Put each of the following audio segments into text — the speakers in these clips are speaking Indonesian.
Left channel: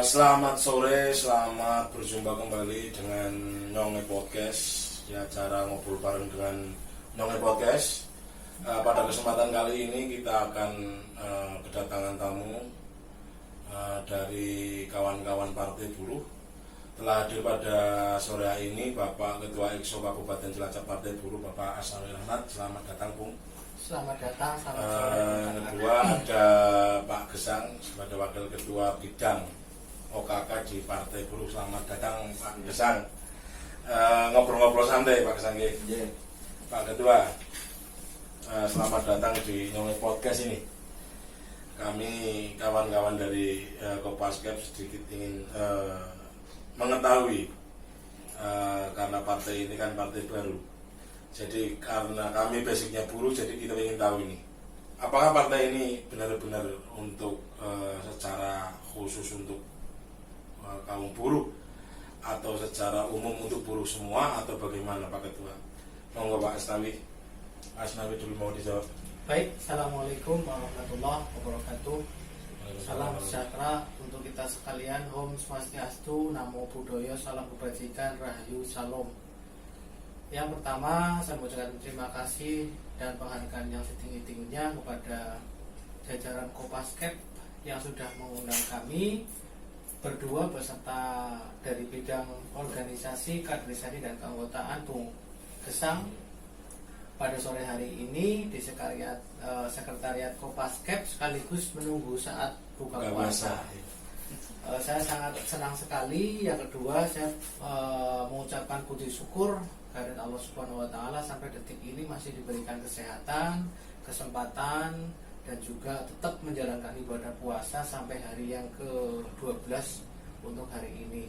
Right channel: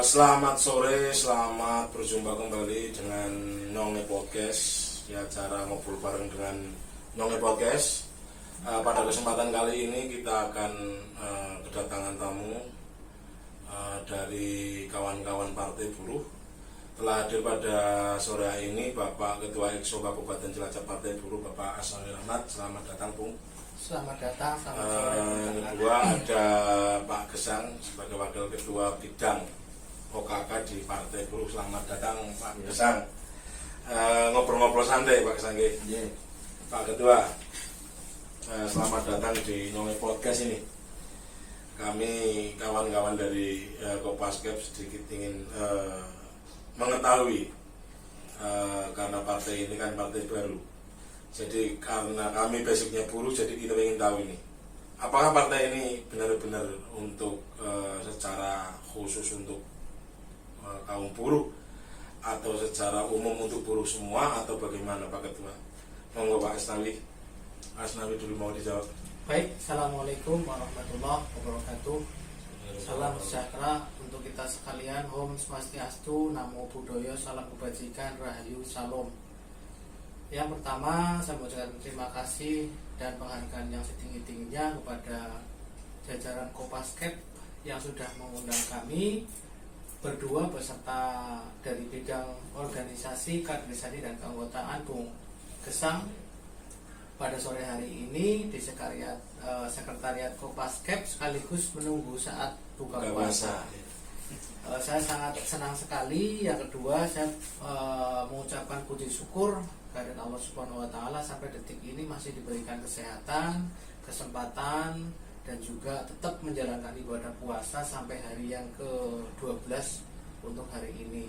Selamat sore, selamat berjumpa kembali dengan Nonge Podcast. Ya, acara ngobrol bareng dengan Nonge Podcast. Pada kesempatan kali ini kita akan kedatangan tamu dari kawan-kawan Partai Buruh. Telah hadir pada sore hari ini Bapak Ketua Exco Kabupaten Cilacap Partai Buruh, Bapak Asnawi Rahmat. Selamat datang, Bung. Selamat datang, selamat sore. Kedua ada Pak Gesang sebagai Wakil Ketua Bidang OKK di Partai Buruh. Selamat datang, Pak Gesang. Ngobrol-ngobrol santai, Pak Gesang. Pak Ketua, selamat datang di Nonge Podcast ini. Kami kawan-kawan dari Kopaskep sedikit ingin mengetahui, karena partai ini kan partai baru. Jadi karena kami basicnya buruh, jadi kita ingin tahu ini, apakah partai ini benar-benar untuk secara khusus untuk kaum buruh, atau secara umum untuk buruh semua, atau bagaimana, Pak Ketua? Monggo Pak Asnawi dulu mau dijawab. Baik, Assalamualaikum warahmatullahi wabarakatuh. Salam sejahtera untuk kita sekalian. Om Swastiastu, Namo Buddhaya, Salam Kebajikan, Rahayu, Salam. Yang pertama, saya mengucapkan terima kasih dan penghargaan yang setinggi-tingginya kepada jajaran Kopaskep yang sudah mengundang kami berdua beserta dari bidang organisasi, kaderisasi dan keanggotaan Bung Gesang pada sore hari ini di sekretariat Kopaskep sekaligus menunggu saat buka puasa. Saya sangat senang sekali. Yang kedua, saya mengucapkan puji syukur kehadirat Allah Subhanahu wa taala sampai detik ini masih diberikan kesehatan, kesempatan dan juga tetap menjalankan ibadah puasa sampai hari yang ke-12 untuk hari ini.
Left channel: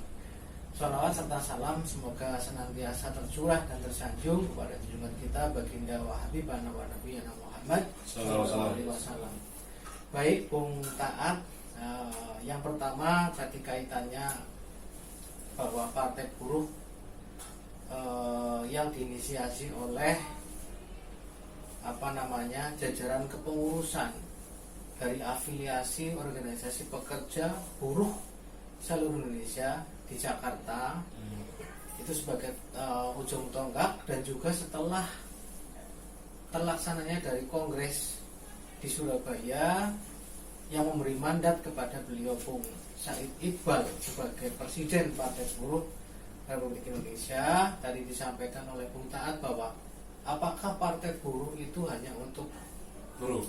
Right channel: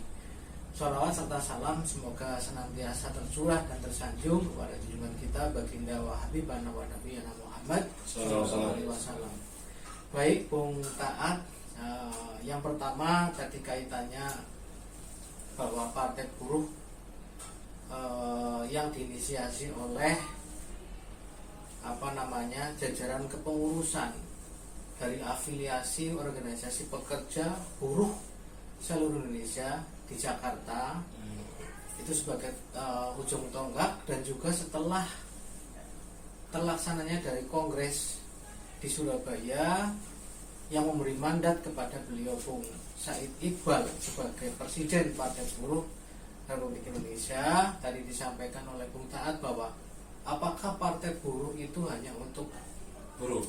Sholawat serta salam semoga senantiasa tercurah dan tersanjung kepada junjungan kita baginda wa habibana wa nabiyana Muhammad sallallahu alaihi wasallam. Baik, Bung Taat, yang pertama tadi kaitannya bahwa Partai Buruh yang diinisiasi oleh jajaran kepengurusan dari afiliasi organisasi pekerja buruh seluruh Indonesia di Jakarta, itu sebagai ujung tonggak, dan juga setelah terlaksananya dari kongres di Surabaya yang memberi mandat kepada beliau Bung Said Iqbal sebagai Presiden Partai Buruh Republik Indonesia. Tadi disampaikan oleh Bung Taat bahwa apakah Partai Buruh itu hanya untuk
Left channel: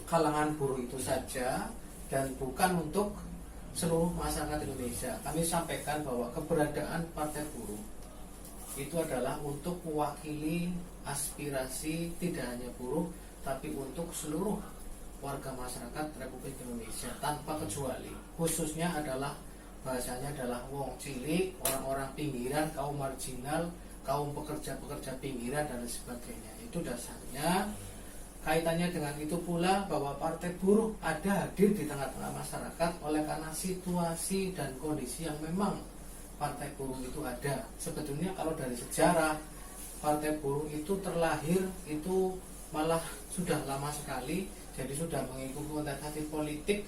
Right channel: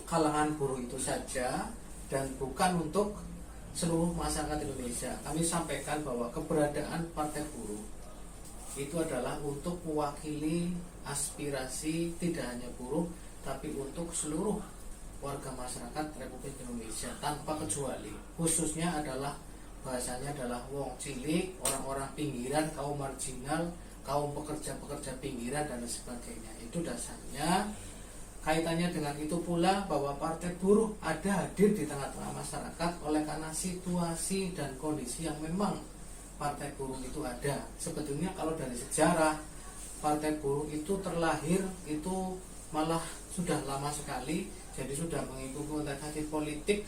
kalangan buruh itu saja dan bukan untuk seluruh masyarakat Indonesia. Kami sampaikan bahwa keberadaan Partai Buruh itu adalah untuk mewakili aspirasi tidak hanya buruh, tapi untuk seluruh warga masyarakat Republik Indonesia tanpa kecuali. Khususnya adalah bahasanya adalah wong cilik, orang-orang pinggiran, kaum marginal, kaum pekerja-pekerja pinggiran dan sebagainya. Itu dasarnya. Kaitannya dengan itu pula bahwa Partai Buruh ada hadir di tengah-tengah masyarakat oleh karena situasi dan kondisi yang memang Partai Buruh itu ada. Sebetulnya kalau dari sejarah, Partai Buruh itu terlahir itu malah sudah lama sekali. Jadi sudah mengikuti kontestasi politik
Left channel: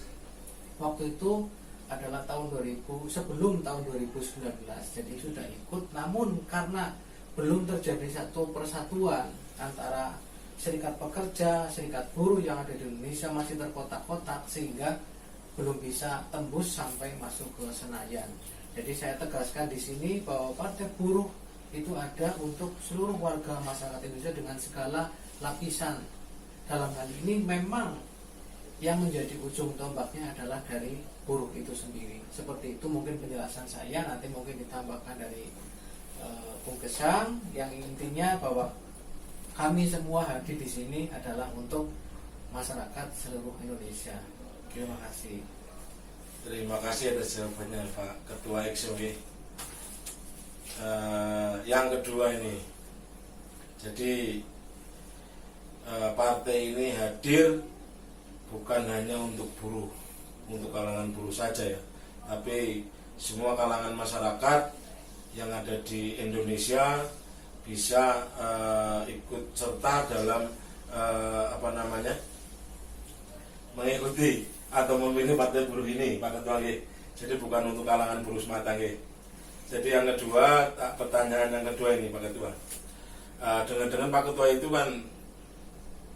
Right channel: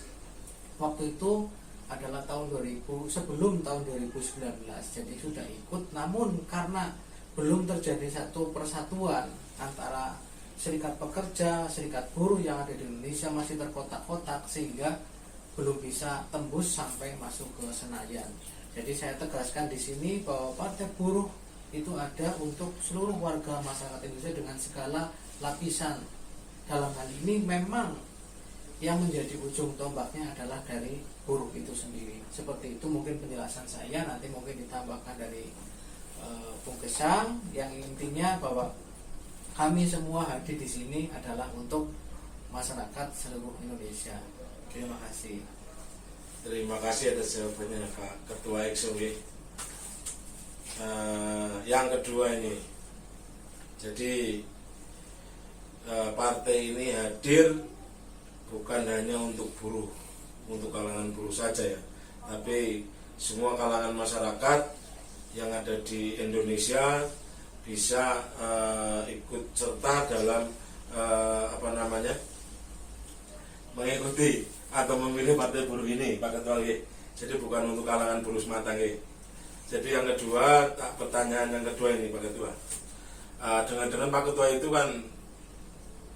waktu itu adalah tahun 2000, sebelum tahun 2019. Jadi sudah ikut, namun karena belum terjadi satu persatuan antara serikat pekerja, serikat buruh yang ada di Indonesia masih terkotak-kotak, sehingga belum bisa tembus sampai masuk ke Senayan. Jadi saya tegaskan di sini bahwa Partai Buruh itu ada untuk seluruh warga masyarakat Indonesia dengan segala lapisan. Dalam hal ini memang yang menjadi ujung tombaknya adalah dari buruh itu sendiri. Seperti itu mungkin penjelasan saya, nanti mungkin ditambahkan dari Bung Gesang, yang intinya bahwa kami semua hadir di sini adalah untuk masyarakat seluruh Indonesia. Terima kasih. Terima kasih atas jawabannya Pak Ketua Exco. Yang kedua ini, jadi partai ini hadir bukan hanya untuk buruh, untuk kalangan buruh saja ya, tapi semua kalangan masyarakat yang ada di Indonesia bisa ikut serta dalam mengikuti atau memilih Partai Buruh ini, Pak Ketua. Jadi bukan untuk kalangan buruh semata nggih. Jadi yang kedua, pertanyaan yang kedua ini Pak Ketua. Dengan Pak Ketua itu kan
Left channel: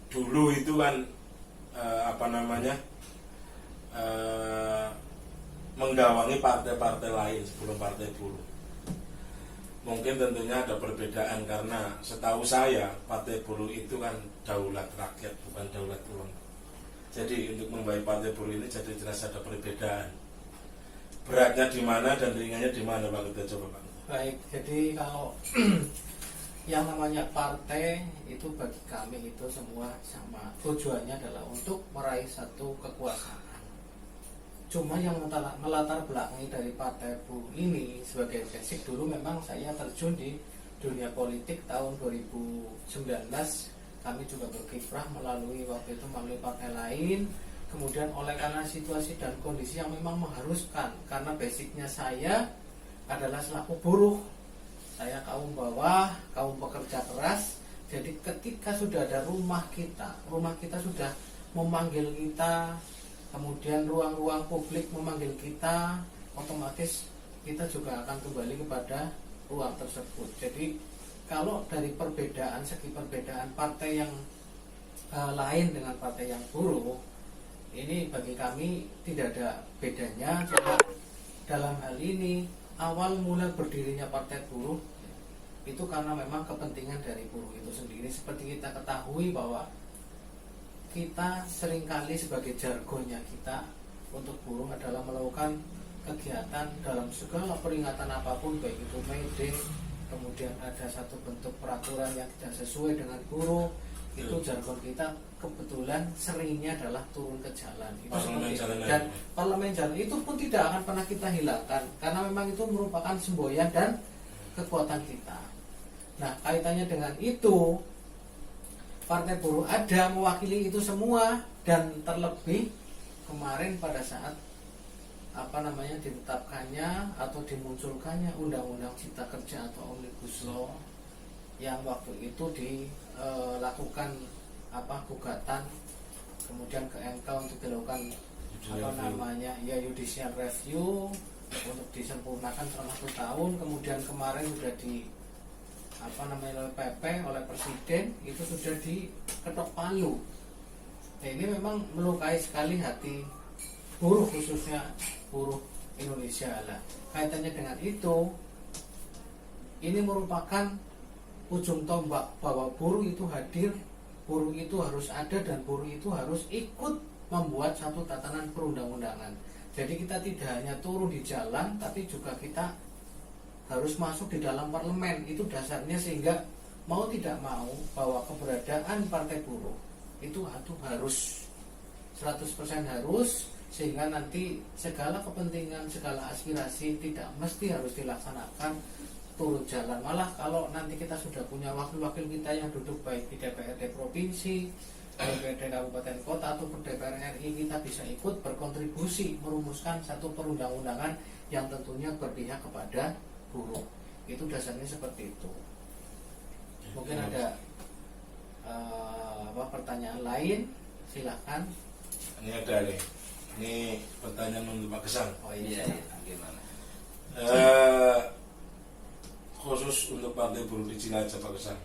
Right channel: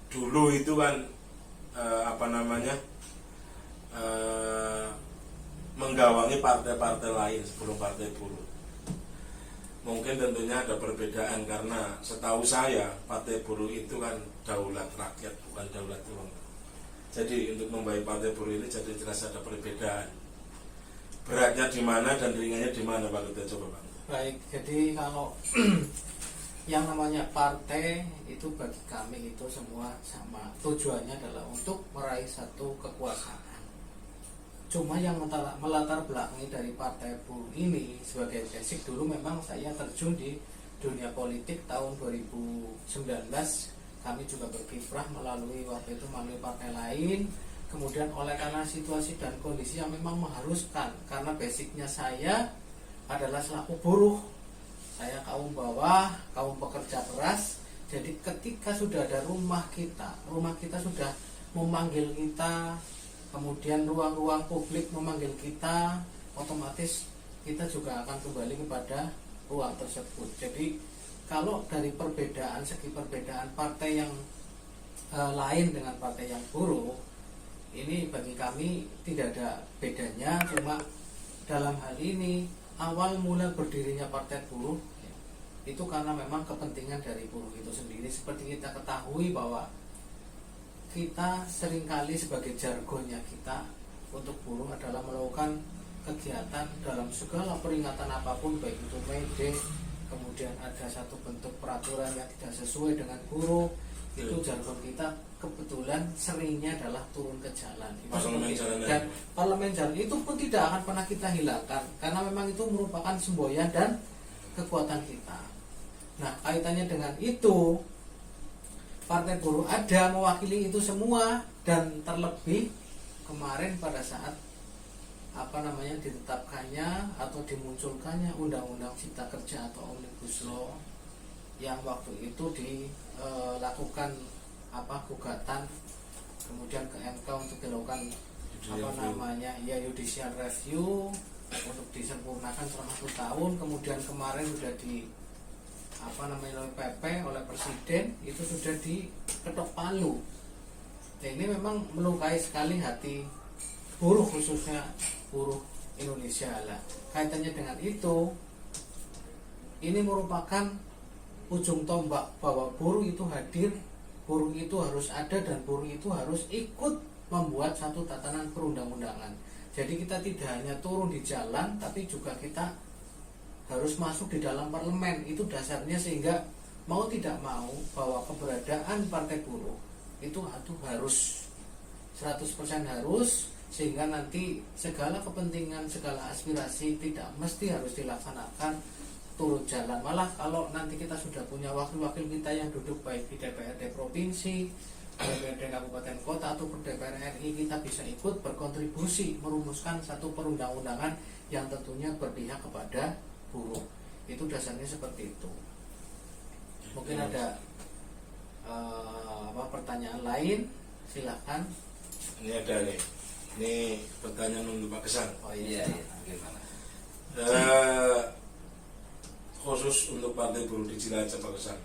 dulu itu kan menggawangi partai-partai lain sebelum partai buruh. Mungkin tentunya ada perbedaan karena setahu saya partai buruh itu kan daulat rakyat bukan daulat uang. Jadi untuk membaik partai buruh ini jadi jelas ada perbedaan. Beratnya di mana dan ringannya di mana Pak Ketua, coba Pak. Baik, jadi kalau yang namanya partai itu bagi kami itu semua sama. Tujuannya adalah untuk meraih satu kekuasaan. Cuma yang melatar belakangi dari partai buruh ini sebagai basic, dulu memang saya terjun di dunia politik tahun 2019. Kami juga berkiprah melalui waktu itu melalui partai lain. Kemudian oleh karena situasi dan kondisi yang memang mengharuskan, karena basicnya saya adalah selaku buruh, saya kaum bawah, kaum pekerja keras. Jadi ketika sudah ada rumah kita sudah memanggil kita, kemudian ruang-ruang publik memanggil kita, otomatis kita juga akan kembali kepada ruang tersebut. Jadi kalau dari segi perbedaan partai yang lain dengan partai yang buruh, ini bagi kami tidak ada bedanya. Cuma dalam hal ini awal mula berdirinya partai buruh itu karena memang kepentingan dari buruh itu sendiri. Seperti kita ketahui bahwa kita seringkali sebagai jargonnya kita untuk buruh adalah melakukan kegiatan dalam segala peringatan apapun, baik itu May Day, kemudian ada satu bentuk peraturan yang tidak sesuai dengan buruh, itu jargon kita kebetulan seringnya adalah turun ke jalan. Itu dan parlemen jalan itu pun tidak akan pernah kita hilangkan karena memang itu merupakan semboyan dan kekuatan kita. Nah, kaitannya dengan itu, partai buruh ada mewakili itu semua, dan terlebih kemarin pada saat ditetapkannya atau dimunculkannya Undang-Undang Cipta Kerja atau Omnibus Law yang waktu itu dilakukan gugatan kemudian ke MK untuk dilakukan judicial review untuk disempurnakan selama 1 tahun. Kemudian kemarin sudah oleh PP, oleh Presiden, itu sudah diketok palu. Nah, ini memang melukai sekali hati buruh, khususnya buruh Indonesia lah. Kaitannya dengan itu, ini merupakan ujung tombak bahwa buruh itu hadir, buruh itu harus ada, dan buruh itu harus ikut membuat satu tatanan perundang-undangan. Jadi kita tidak hanya turun di jalan, tapi juga kita harus masuk di dalam parlemen. Itu dasarnya, sehingga mau tidak mau bahwa keberadaan partai buruh itu harus 100% harus, sehingga nanti segala kepentingan, segala aspirasi tidak mesti harus dilaksanakan turun jalan. Malah kalau nanti kita sudah punya wakil-wakil kita yang duduk baik di DPRD provinsi, DPRD kabupaten kota atau DPR RI, kita bisa ikut berkontribusi merumuskan satu perundang-undangan yang tentunya berpihak kepada buruh. Itu dasarnya seperti itu. Mungkin ada pertanyaan lain, silahkan. Ini ada nih. Ini pertanyaan untuk Pak Gesang. Oh iya. Khusus untuk Partai Buruh di Cilacap, Pak Gesang.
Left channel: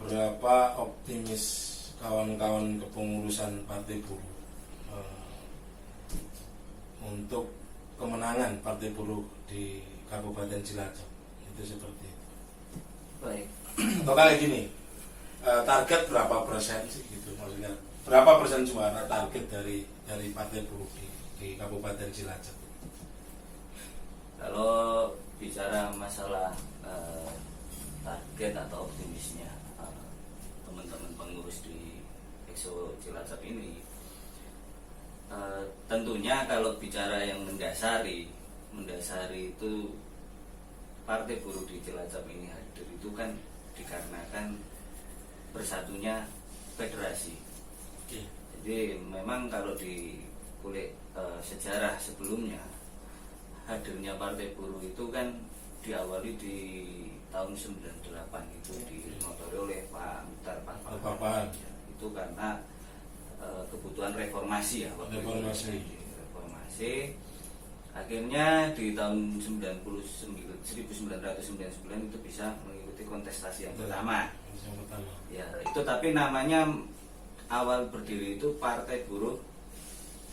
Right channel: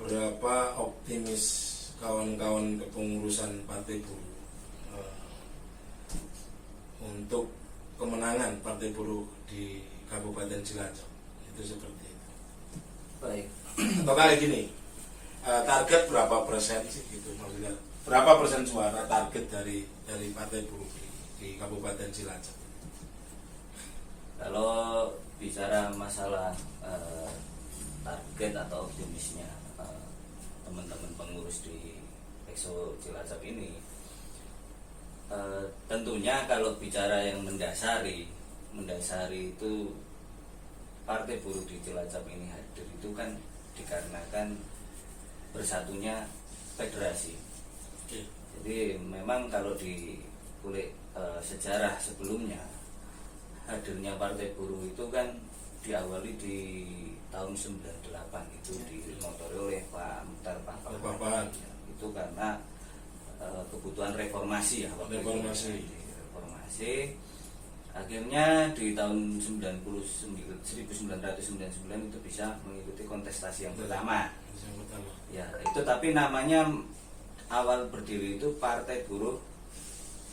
Berapa optimis kawan-kawan kepengurusan Partai Buruh untuk kemenangan Partai Buruh di Kabupaten Cilacap? Itu seperti itu. Baik. Atau kayak gini, target berapa persen sih gitu, maksudnya berapa persen suara target dari Partai Buruh di Kabupaten Cilacap? Kalau bicara masalah target atau optimisnya teman-teman pengurus di Exo Cilacap ini, tentunya kalau bicara yang mendasari itu Partai Buruh di Cilacap ini hadir itu kan dikarenakan bersatunya federasi. Jadi memang kalau di kulik sejarah sebelumnya, hadirnya Partai Buruh itu kan diawali di tahun 98 itu dimotori oleh Pak Muhtar Papahan. Itu karena kebutuhan reformasi ya, Reformasi. Akhirnya di tahun 1999 itu bisa mengikuti kontestasi yang pertama. Ya, itu tapi namanya awal berdiri itu Partai Buruh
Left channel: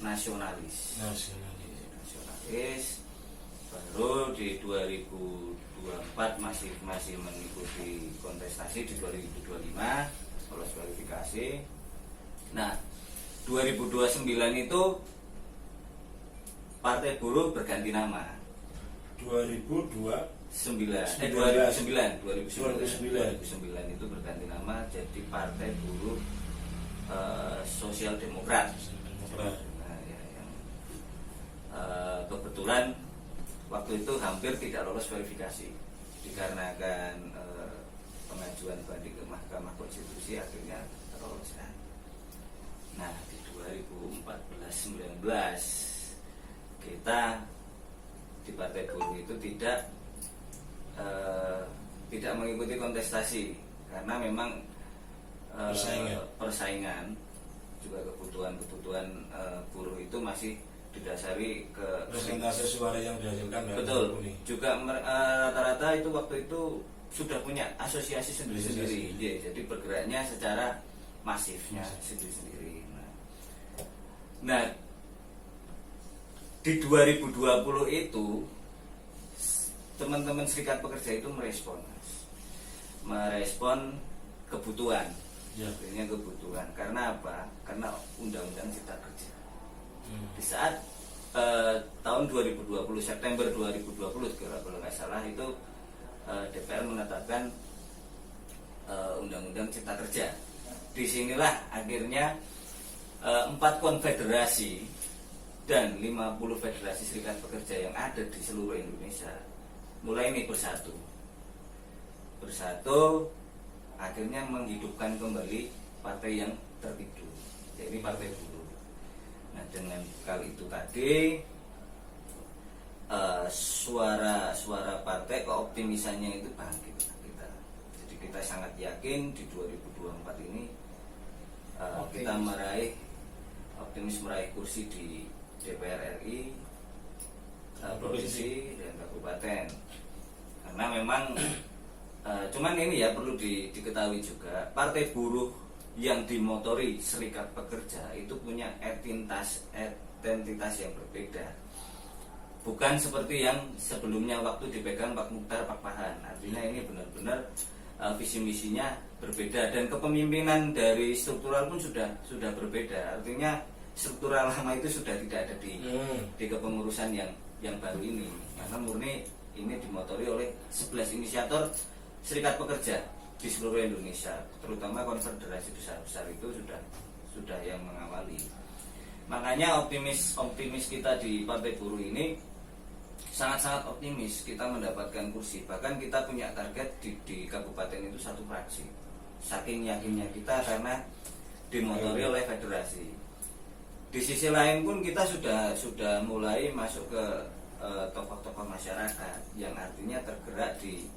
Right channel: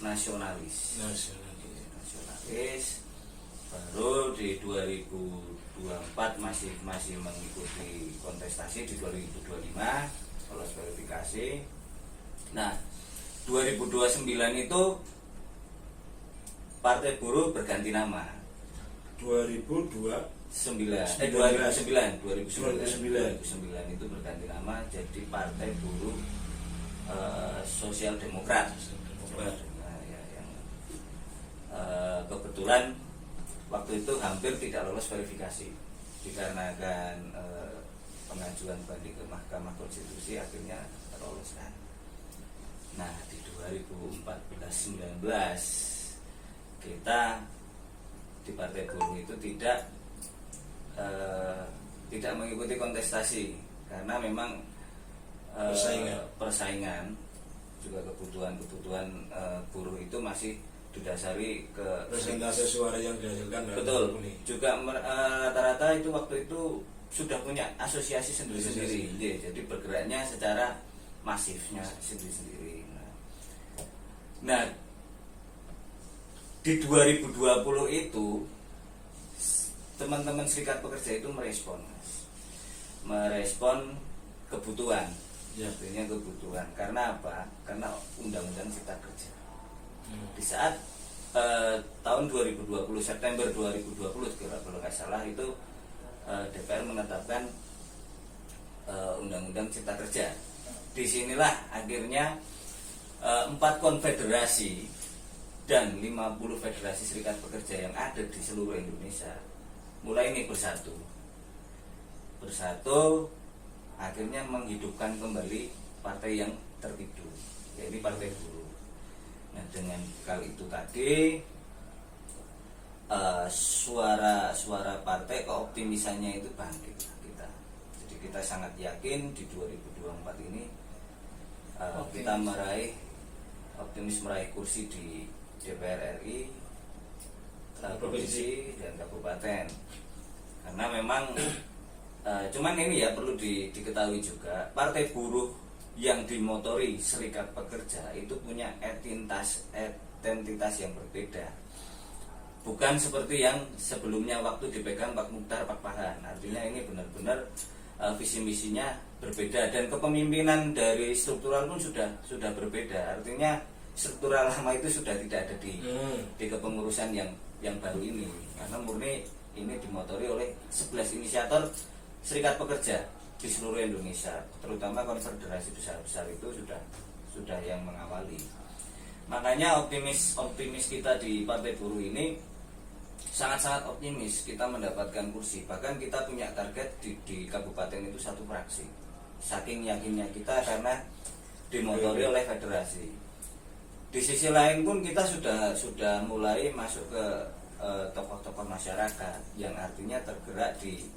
Nasionalis. Nasionalis. Baru di 2024 masih mengikuti kontestasi, di 2025 lolos verifikasi. Nah, 2029 itu Partai Buruh berganti nama. 2009 itu berganti nama jadi Partai Buruh Sosial Demokrat. Nah, ya, yang kebetulan waktu itu hampir tidak lolos verifikasi dikarenakan pengajuan banding ke Mahkamah Konstitusi akhirnya terloloskan. Nah, di 2014-19 kita di Partai Buruh itu tidak mengikuti kontestasi karena memang persaingan juga kebutuhan buruh itu masih didasari ke persentase suara yang dihasilkan. Betul. Juga rata-rata itu waktu itu sudah punya asosiasi sendiri-sendiri. Jadi bergeraknya secara masifnya sendiri-sendiri. Nah, di 2020 itu teman-teman serikat pekerja itu merespon kebutuhan. Akhirnya kebutuhan. Karena apa? Karena Undang-Undang Cipta Kerja. Di saat tahun 2020 September 2020 kalau nggak salah itu DPR menetapkan Undang-Undang Cipta Kerja. Disinilah akhirnya 4 konfederasi dan 50 federasi serikat pekerja yang ada di seluruh Indonesia mulai ini bersatu akhirnya menghidupkan kembali partai yang tertidur, yaitu Partai Buruh. Nah, dengan kali itu tadi suara partai keoptimisannya itu bangkit kita. Jadi kita sangat yakin di 2024 ini kita optimis meraih kursi di DPR RI, provinsi dan kabupaten. Karena memang cuman ini ya perlu diketahui juga, Partai Buruh yang dimotori serikat pekerja itu punya identitas yang berbeda. Bukan seperti yang sebelumnya waktu dipegang Pak Mukhtar Pak Pahan. Artinya ini benar-benar visi misinya berbeda dan kepemimpinan dari struktural pun sudah berbeda. Artinya struktural lama itu sudah tidak ada di kepengurusan yang baru ini, karena murni ini dimotori oleh 11 inisiator serikat pekerja di seluruh Indonesia, terutama konfederasi besar-besar itu sudah yang mengawali. Makanya optimis kita di Partai Buruh ini sangat-sangat optimis kita mendapatkan kursi. Bahkan kita punya target di kabupaten itu 1 fraksi. Saking yakinnya kita karena dimotori oleh federasi. Di sisi lain pun kita sudah mulai masuk ke tokoh-tokoh masyarakat yang artinya tergerak di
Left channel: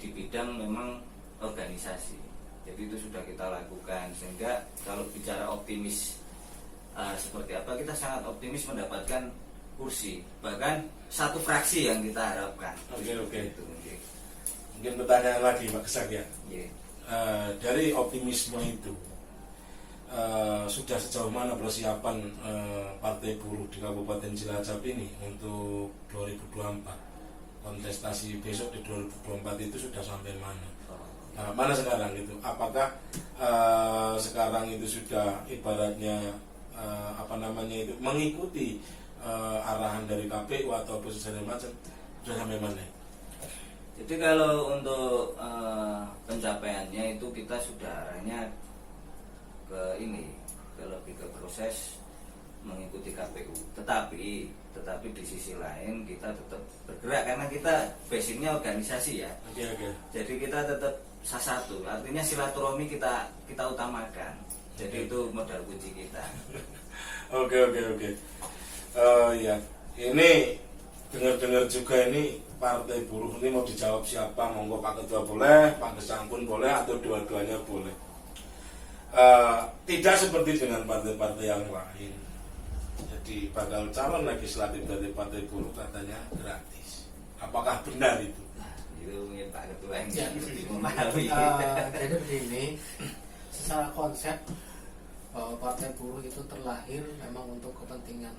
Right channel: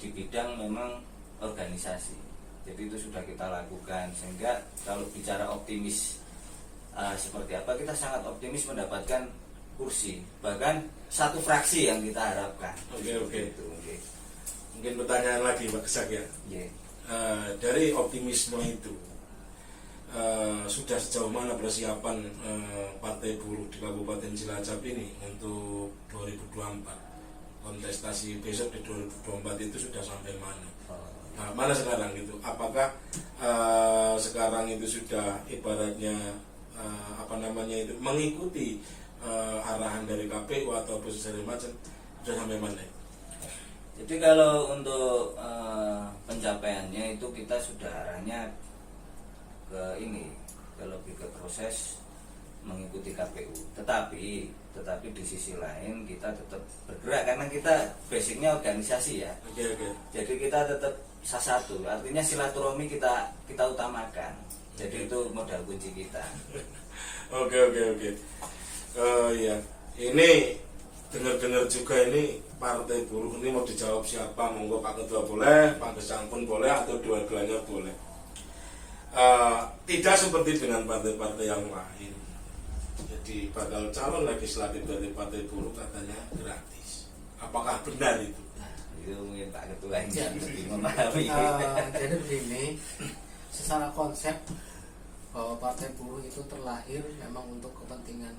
bidang memang organisasi. Jadi itu sudah kita lakukan, sehingga kalau bicara optimis seperti apa, kita sangat optimis mendapatkan kursi, bahkan 1 fraksi yang kita harapkan. Oke. Mungkin pertanyaan lagi Pak Kesak ya. Dari optimisme itu sudah sejauh mana persiapan Partai Buruh di Kabupaten Cilacap ini untuk 2024? Kontestasi besok di 2024 itu sudah sampai mana? Nah, mana sekarang itu? Apakah sekarang itu sudah ibaratnya itu mengikuti arahan dari KPU atau segala macam, sudah sampai mana? Jadi kalau untuk pencapaiannya itu kita sudah arahnya lebih ke proses mengikuti KPU. Tetapi di sisi lain kita tetap bergerak karena kita basicnya organisasi ya. Jadi kita tetap satu, artinya silaturahmi kita utamakan. Jadi itu modal kunci kita. Oke. Iya. Ini dengar juga ini Partai Buruh ini mau dijawab siapa? Monggo Pak Ketua boleh, Pak Gesang pun boleh, atau dua-duanya boleh. Tidak seperti dengan partai-partai yang lain. Jadi bakal calon legislatif dari Partai Buruh katanya gratis. Apakah benar itu? Itu mungkin Pak Ketua yang Ya. lebih memahami. Jadi begini, secara konsep Partai Buruh itu terlahir memang untuk kepentingan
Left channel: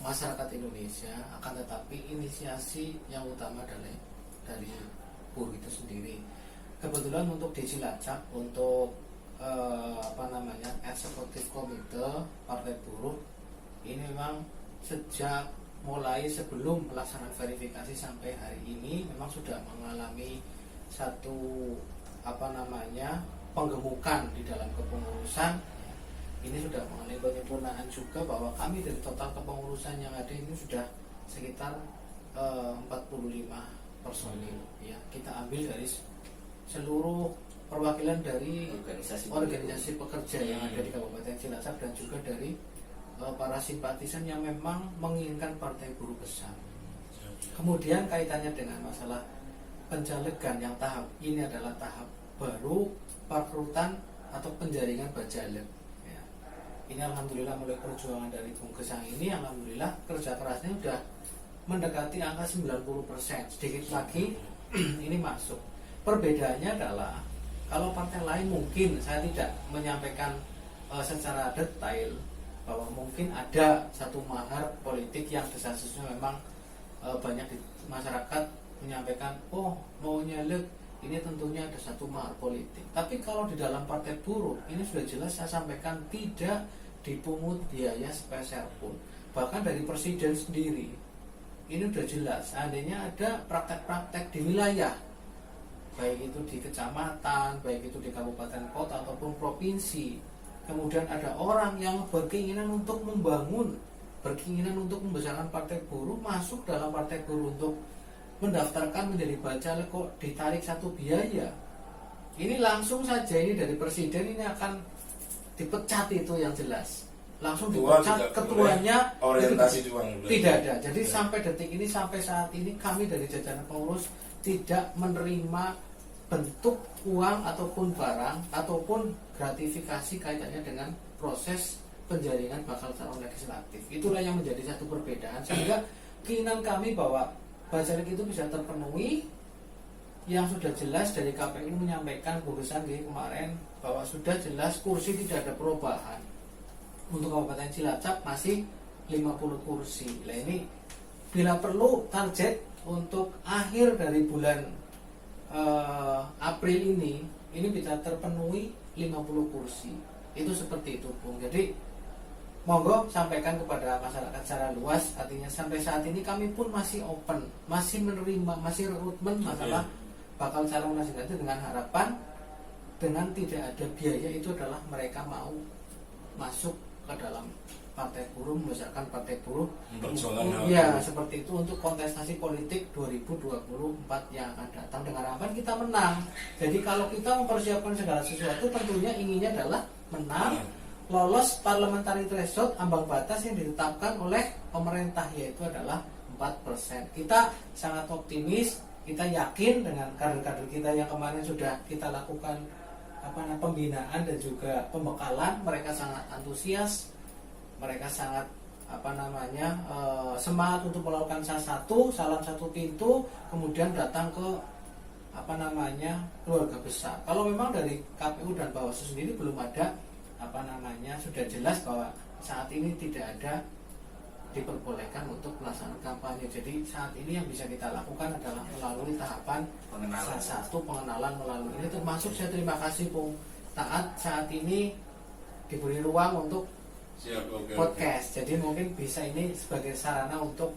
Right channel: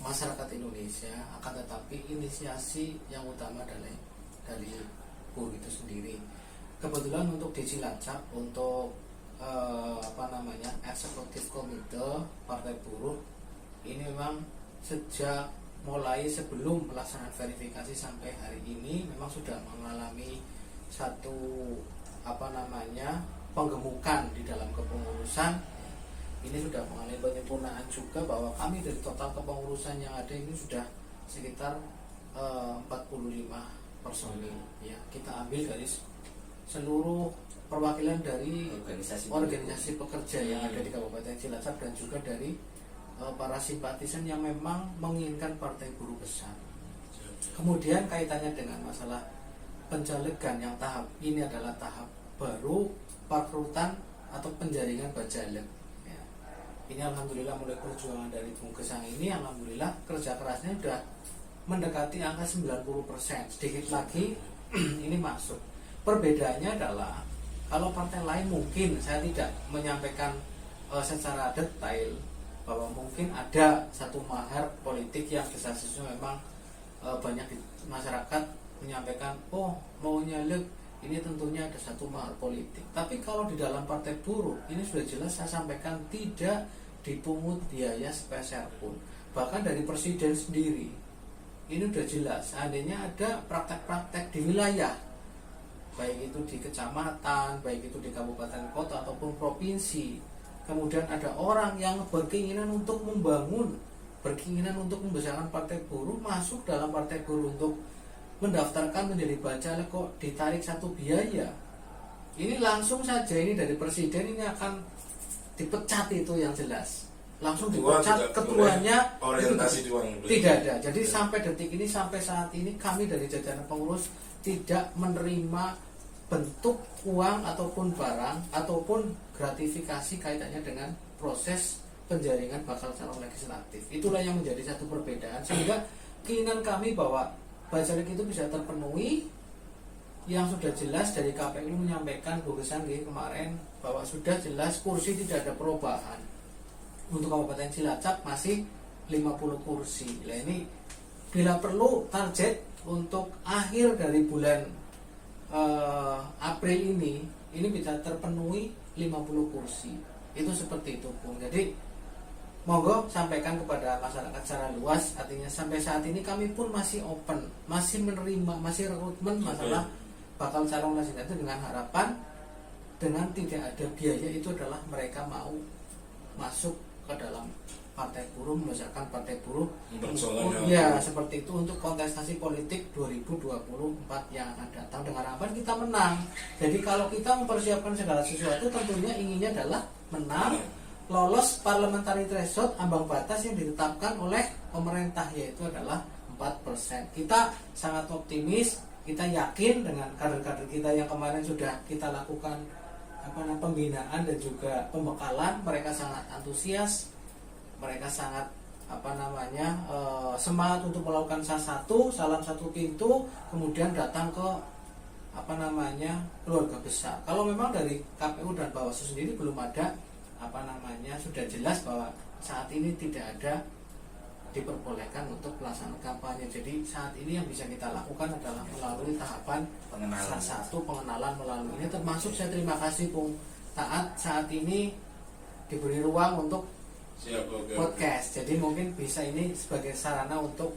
masyarakat Indonesia, akan tetapi inisiasi yang utama adalah dari buruh itu sendiri. Kebetulan untuk di Cilacap, untuk eksekutif komite Partai Buruh ini memang sejak mulai sebelum pelaksanaan verifikasi sampai hari ini memang sudah mengalami satu penggemukan di dalam kepengurusan. Ini sudah mengalami penyempurnaan juga, bahwa kami dari total kepengurusan yang ada ini sudah sekitar 45 personil ya. Kita ambil dari seluruh perwakilan dari organisasi pekerja yang ada di Kabupaten Cilacap dan juga dari para simpatisan yang memang menginginkan Partai Buruh besar. Kemudian kaitannya dengan masalah pencalegan yang tahap ini adalah tahap baru perekrutan atau penjaringan bacalek. Ya. Ini alhamdulillah mulai perjuangan dari Bung Gesang ini, alhamdulillah kerja kerasnya sudah mendekati angka 90%. Sedikit lagi ini masuk. Perbedaannya adalah kalau partai lain mungkin saya tidak menyampaikan secara detail bahwa mungkin ada satu mahar politik yang desas-desusnya memang banyak di masyarakat menyampaikan, oh mau nyalek ini tentunya ada satu mahar politik. Tapi kalau di dalam Partai Buruh ini sudah jelas saya sampaikan tidak dipungut biaya sepeser pun. Bahkan dari presiden sendiri ini sudah jelas, seandainya ada praktek-praktek di wilayah, baik itu di kecamatan, baik itu di kabupaten kota ataupun provinsi, kemudian ada orang yang berkeinginan untuk membangun, berkeinginan untuk membesarkan Partai Buruh, masuk dalam Partai Buruh untuk mendaftarkan menjadi bacalek, kok ditarik satu biaya. Ini langsung saja ini dari presiden ini akan dipecat, itu yang jelas. Langsung dipecat ketuanya, orientasi uang tidak ada. Jadi sampai detik ini, sampai saat ini kami dari jajaran pengurus tidak menerima bentuk uang ataupun barang ataupun gratifikasi kaitannya dengan proses penjaringan bakal calon legislatif. Itulah yang menjadi satu perbedaan, sehingga keinginan kami bahwa bacalek itu bisa terpenuhi, yang sudah jelas dari KPU menyampaikan putusan kemarin bahwa sudah jelas kursi tidak ada perubahan. Untuk Kabupaten Cilacap masih 50 kursi. Nah ini bila perlu target untuk akhir dari bulan April ini bisa terpenuhi 50 kursi. Itu seperti itu, Bung. Jadi monggo sampaikan kepada masyarakat secara luas. Artinya sampai saat ini kami pun masih open, masih menerima, masih rekrutmen masalah bakal calon legislatif, dengan harapan dengan tidak ada biaya itu adalah mereka mau masuk ke dalam Partai Buruh, membesarkan Partai Buruh. Ya, seperti itu untuk kontestasi politik 2024 yang akan datang, dengan harapan kita menang. Jadi kalau kita mempersiapkan segala sesuatu, tentunya inginnya adalah menang, lolos parliamentary threshold, ambang batas yang ditetapkan oleh pemerintah, yaitu adalah 4%. Kita sangat optimis, kita yakin dengan kader-kader kita yang kemarin sudah kita lakukan pembinaan dan juga pembekalan. Mereka sangat antusias, mereka sangat semangat untuk melakukan salam satu pintu, kemudian datang ke keluarga besar. Kalau memang dari KPU dan Bawaslu sendiri belum ada sudah jelas bahwa saat ini tidak ada diperbolehkan untuk pelaksanaan kampanye. Jadi saat ini yang bisa kita lakukan adalah melalui tahapan pengenalan melalui ini, termasuk saya terima kasih Bung Taat saat ini diberi ruang untuk podcast. Jadi mungkin bisa ini sebagai sarana untuk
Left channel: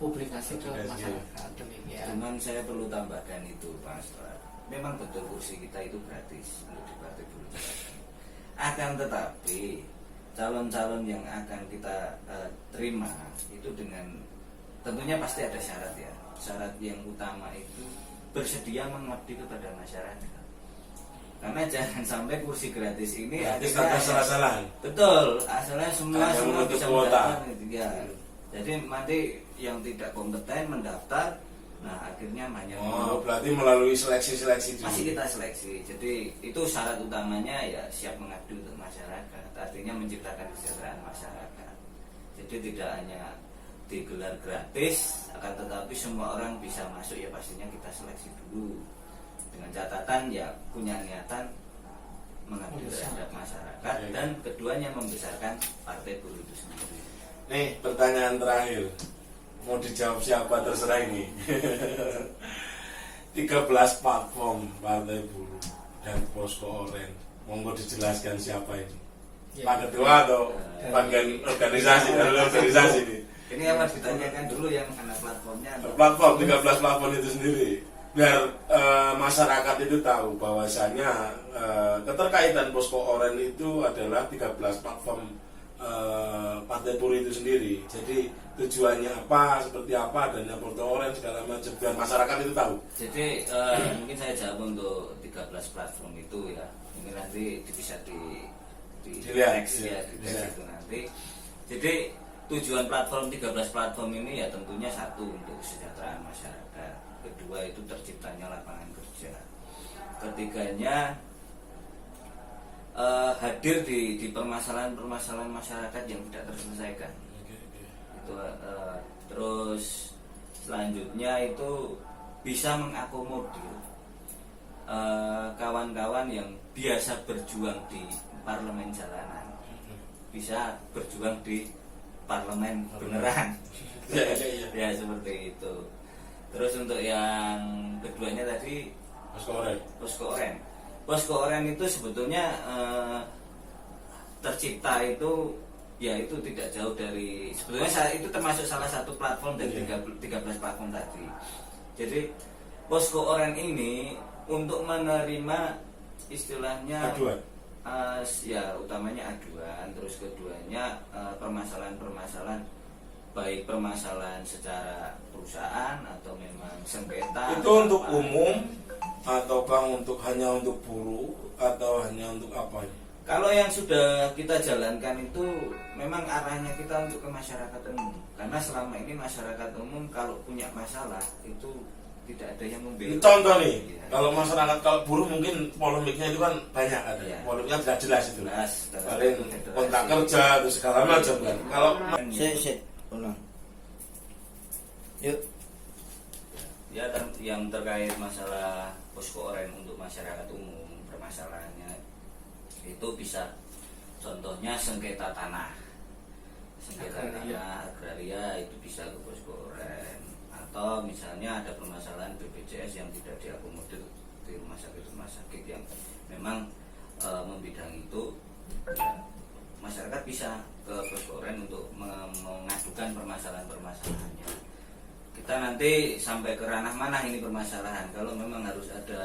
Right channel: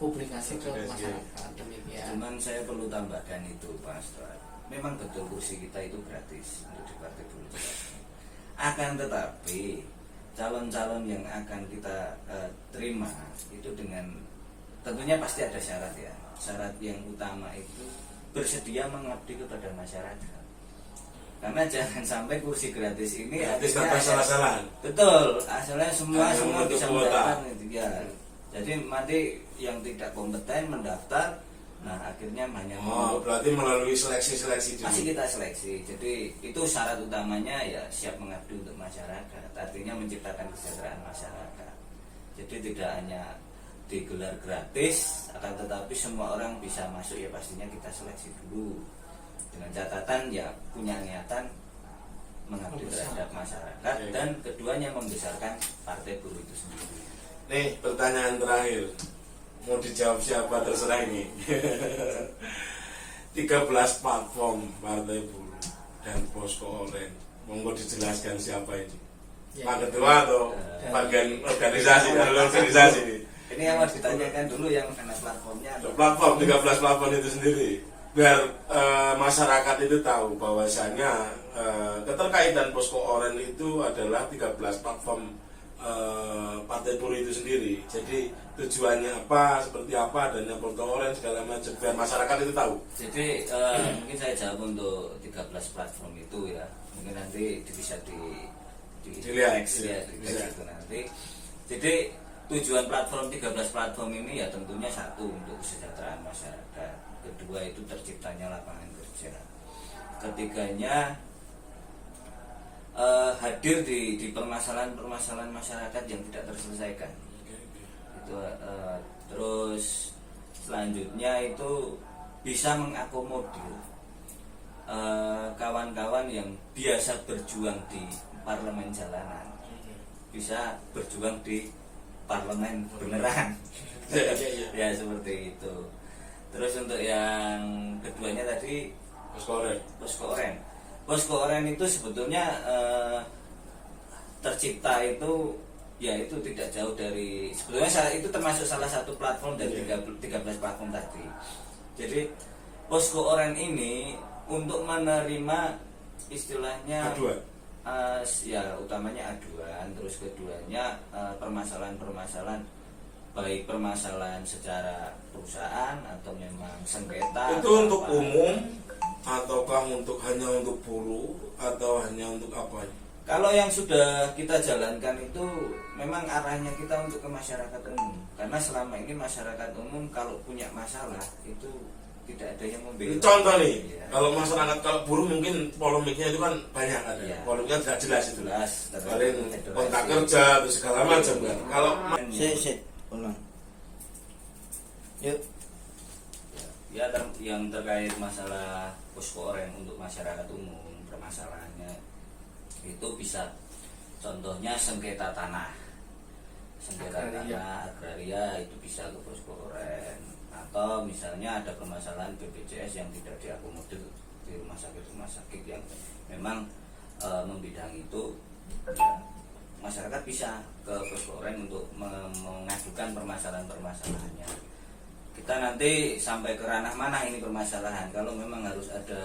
publikasi ke masyarakat. Demikian. Cuman saya perlu tambahkan itu, Pak Astral. Memang betul kursi kita itu gratis untuk di Partai Buruh. Akan tetapi calon-calon yang akan kita terima itu dengan tentunya pasti ada syarat ya. Syarat yang utama itu bersedia mengabdi kepada masyarakat. Karena jangan sampai kursi gratis ini akhirnya salah-salah. Betul, asalnya semua bisa mendaftar ya. Jadi nanti yang tidak kompeten mendaftar, nah akhirnya hanya berarti melalui seleksi masih kita seleksi. Jadi itu syarat utamanya ya siap mengabdi untuk masyarakat, artinya menciptakan kesejahteraan masyarakat. Jadi tidak hanya digelar gratis, akan tetapi semua orang bisa masuk, ya pastinya kita seleksi dulu dengan catatan ya punya niatan mengabdi terhadap masyarakat, dan keduanya membesarkan partai buruh itu sendiri. Nih pertanyaan terakhir, mau dijawab siapa terserah ini. 13 platform partai buruh dan posko oren, monggo dijelaskan siapa ini, Ya. Pak Ketua atau bagian organisasi ini. Ini yang harus ditanyakan dulu yang anak platformnya atau Platform 13 platform itu sendiri, biar masyarakat itu tahu bahwasanya keterkaitan posko oren itu adalah 13 platform partai buruh itu sendiri. Jadi tujuannya apa, seperti apa, dan yang posko oren segala macam, biar masyarakat itu tahu. Jadi mungkin saya jawab untuk 13 platform itu ya. Mungkin nanti bisa Dilihat, next ya, di bisa. next itu nanti. Jadi tujuan platform 13 platform ini ya tentunya satu untuk kesejahteraan masyarakat, kedua itu terciptanya lapangan kerja, ketiganya hadir di permasalahan-permasalahan masyarakat yang tidak terselesaikan. Itu terus selanjutnya itu bisa mengakomodir kawan-kawan yang biasa berjuang di parlemen jalanan, bisa berjuang di parlemen beneran. Ya seperti itu. Terus untuk yang keduanya tadi posko oren. Posko oren itu sebetulnya tercipta itu ya itu tidak jauh dari, sebetulnya itu termasuk salah satu platform dari 13 platform tadi. Jadi posko oren ini untuk menerima istilahnya Aduan. Ya utamanya aduan, terus keduanya permasalahan-permasalahan, baik permasalahan secara perusahaan atau memang sengketa. Itu untuk umum ataukah hanya untuk buruh atau hanya untuk apa? Kalau yang sudah kita jalankan itu memang arahnya kita untuk ke masyarakat umum, karena selama ini masyarakat umum kalau punya masalah itu tidak ada yang membela. Contoh nih, Ya. kalau masyarakat, kalau buruh mungkin polemiknya itu kan banyak ada. Ya. Polemiknya tidak jelas itu. Jelas, Kemarin kontrak kerja terus segala macam kan. Kalau ulang. Yuk. Ya, yang terkait masalah posko oren untuk masyarakat umum, permasalahannya itu bisa contohnya sengketa tanah agraria itu bisa ke posko oren, atau misalnya ada permasalahan BPJS yang tidak diakomodir di rumah sakit yang memang membidang itu, ya, masyarakat bisa ke posko oren untuk mengadukan permasalahannya. Kita nanti sampai ke ranah mana ini permasalahan, kalau memang harus ada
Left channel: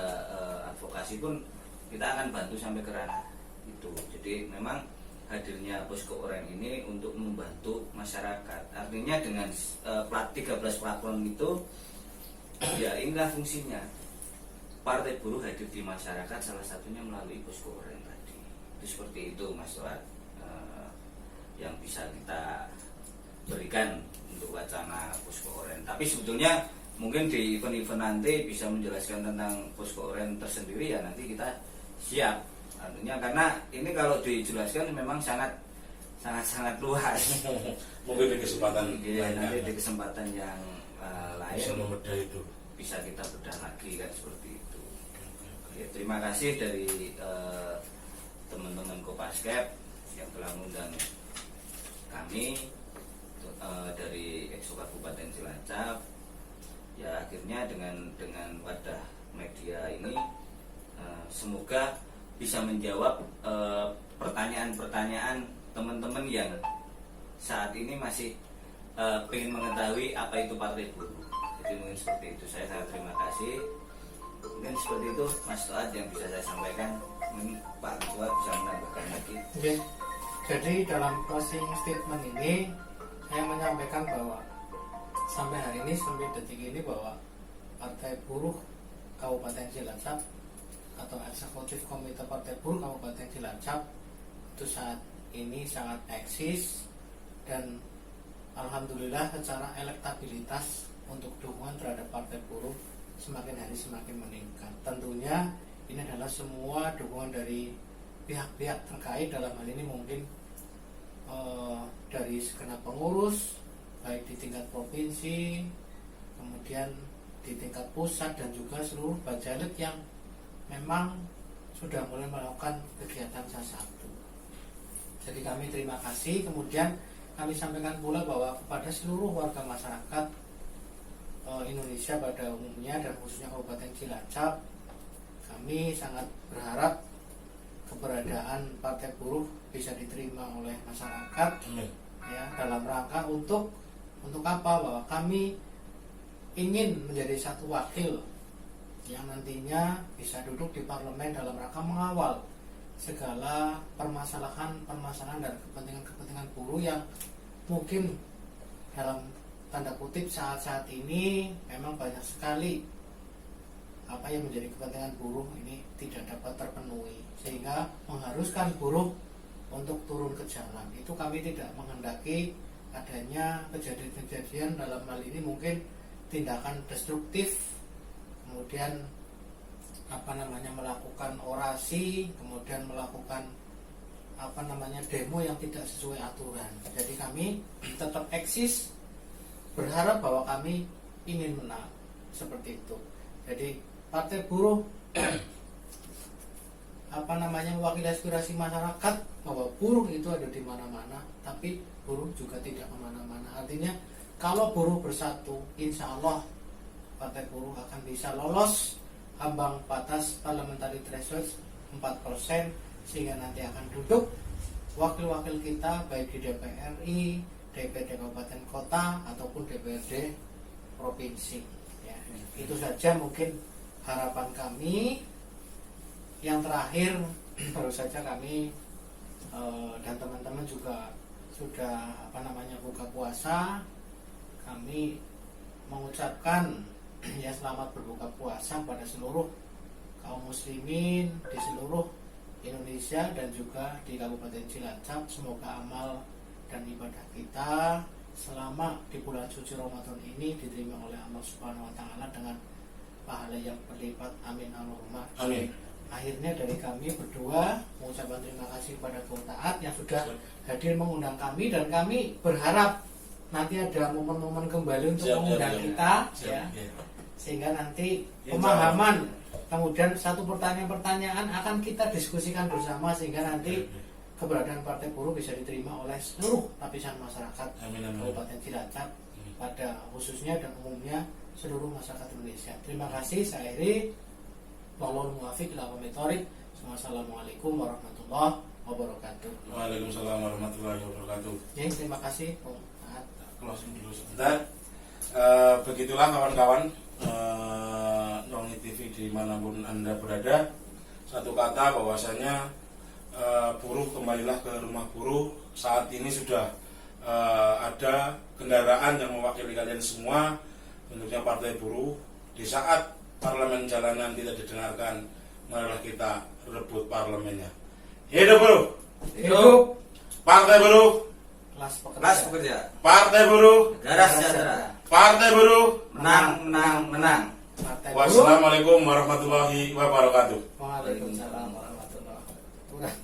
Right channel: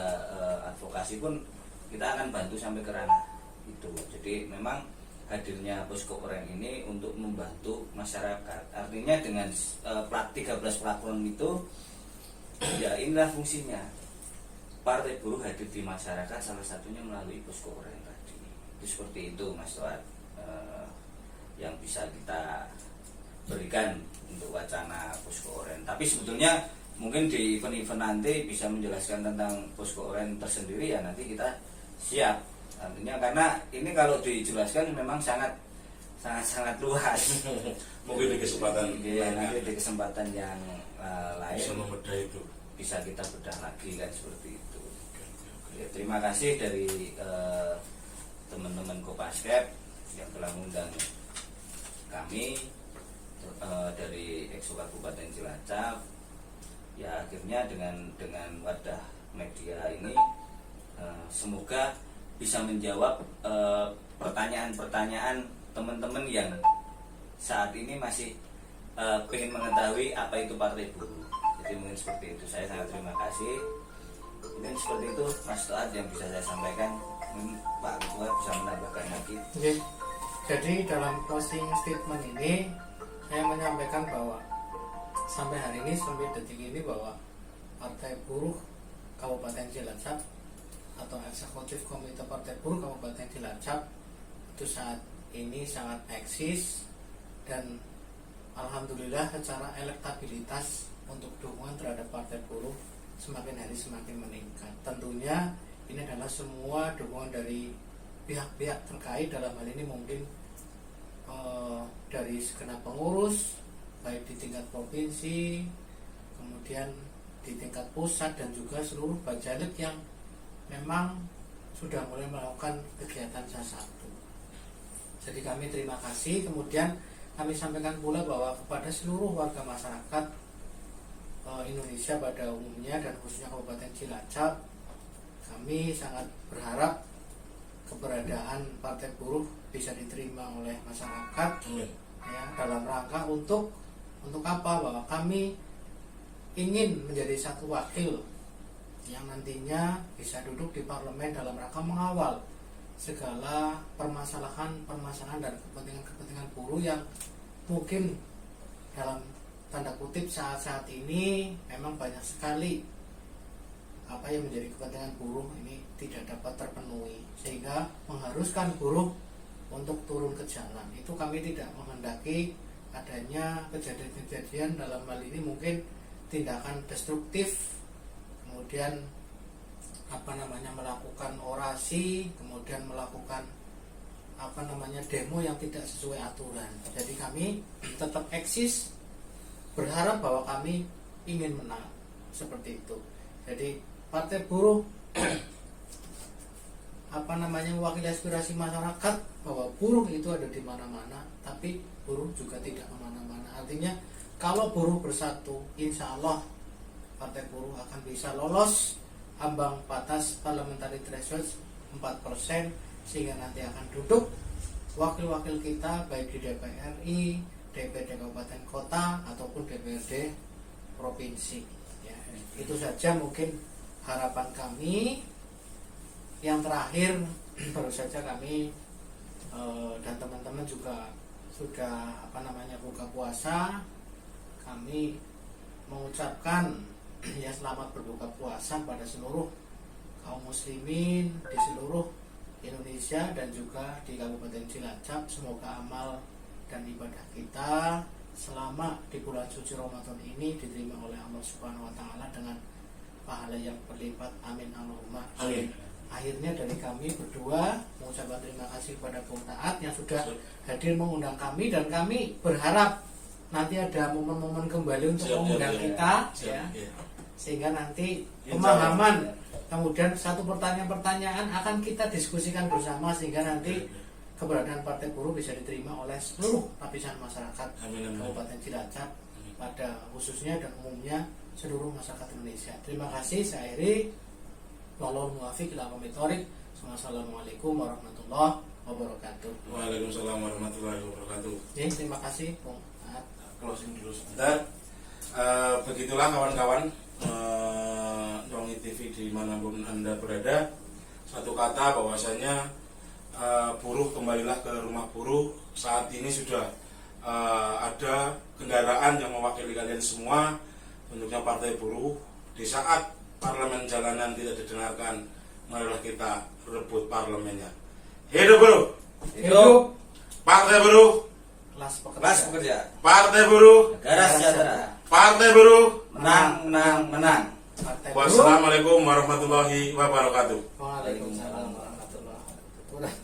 advokasi pun kita akan bantu sampai ke ranah itu. Jadi memang hadirnya posko oren ini untuk membantu masyarakat. Artinya dengan 13 platform itu ya inilah fungsinya. Partai buruh hadir di masyarakat salah satunya melalui posko oren tadi. Itu seperti itu Mas Tuat, yang bisa kita berikan untuk wacana posko oren. Tapi sebetulnya mungkin di event-event nanti bisa menjelaskan tentang posko oren tersendiri, ya nanti kita siap. Artinya karena ini kalau dijelaskan memang sangat luas. mungkin di kesempatan Ya, nanti di kesempatan yang lain bisa membedah itu. bisa kita bedah lagi kan seperti itu. Ya, terima kasih dari teman-teman Kopasdep yang telah mengundang kami dari Exco Kabupaten Cilacap. Ya akhirnya dengan wadah media ini semoga bisa menjawab pertanyaan-pertanyaan teman-teman yang saat ini masih ingin mengetahui apa itu partai buruh. Jadi mungkin seperti itu. Saya sangat terima kasih. Mungkin seperti itu Mas Toat yang bisa saya sampaikan. Mungkin Pak Ketua bisa menambahkan lagi. Oke. Jadi dalam closing statement ini saya menyampaikan bahwa sampai hari ini, sampai detik ini, bahwa Partai Buruh Kabupaten Cilacap atau Eksekutif Komite Partai Buruh Kabupaten Cilacap itu saat ini sangat eksis, dan alhamdulillah secara elektabilitas untuk dukungan terhadap Partai Buruh semakin hari semakin meningkat. Tentunya ini adalah semua dukungan dari pihak-pihak terkait, dalam hal ini mungkin dari segenap pengurus, baik di tingkat provinsi, kemudian di tingkat pusat, dan juga seluruh Bajalik yang memang sudah mulai melakukan kegiatan satu. Jadi kami terima kasih. Kemudian kami sampaikan pula bahwa kepada seluruh warga masyarakat Indonesia pada umumnya dan khususnya Kabupaten Cilacap, kami sangat berharap keberadaan Partai Buruh bisa diterima oleh masyarakat ya, dalam rangka untuk apa? Bahwa kami ingin menjadi satu wakil yang nantinya bisa duduk di parlemen dalam rangka mengawal segala permasalahan dan kepentingan buruh yang mungkin dalam tanda kutip saat-saat ini memang banyak sekali apa yang menjadi kepentingan buruh ini tidak dapat terpenuhi, sehingga mengharuskan buruh untuk turun ke jalan. Itu kami tidak menghendaki adanya kejadian-kejadian dalam hal ini mungkin tindakan destruktif, kemudian melakukan orasi, kemudian melakukan demo yang tidak sesuai aturan. Jadi kami tetap eksis, berharap bahwa kami ingin menang, seperti itu. Jadi Partai Buruh mewakili aspirasi masyarakat bahwa buruh itu ada di mana-mana, tapi buruh juga tidak kemana-mana. Artinya kalau buruh bersatu, insya Allah Partai Buruh akan bisa lolos ambang batas parliamentary threshold 4%, sehingga nanti akan duduk wakil-wakil kita baik di DPR RI, DPD Kabupaten Kota ataupun DPRD Provinsi ya. Itu saja mungkin harapan kami. Yang terakhir, baru saja kami dan teman-teman juga sudah buka puasa. Kami mengucapkan ya selamat berbuka puasa pada seluruh kaum muslimin di seluruh Indonesia dan juga di Kabupaten Cilacap. Semoga amal dan ibadah kita selama di bulan suci Ramadan ini diterima oleh Allah Subhanahu wa taala dengan pahala yang berlipat. Amin Allahumma amin. Akhirnya dari kami berdua mengucapkan terima kasih kepada kaum taat yang sudah hadir mengundang kami, dan kami berharap nanti ada momen-momen kembali untuk mengundang kita ya. Sehingga nanti pemahaman, kemudian satu pertanyaan-pertanyaan akan kita diskusikan bersama, sehingga nanti keberadaan Partai Buruh bisa diterima oleh seluruh lapisan masyarakat Kabupaten Cilacap pada khususnya dan umumnya seluruh masyarakat Indonesia. Terima kasih. Saya Eri. Wallahul muwaffiq ila aqwamit thoriq. Wassalamualaikum warahmatullahi wabarakatuh. Waalaikumsalam warahmatullahi wabarakatuh. Ya, terima kasih. Closing dulu sebentar. Begitulah kawan-kawan Rongi TV dimanapun Anda berada. Satu kata bahwasanya buruh kembalilah ke rumah buruh. Saat ini sudah ada kendaraan yang mewakili kalian semua, bentuknya Partai Buruh. Di saat parlemen jalanan tidak didengarkan, marilah kita rebut parlemennya. Hidup buruh, Hidup Partai Buruh, Kelas pekerja, Partai Buruh, negara sejahtera, Partai Buruh. menang. Partai Buruh. Wassalamualaikum warahmatullahi wabarakatuh. Waalaikumsalam warahmatullahi wabarakatuh.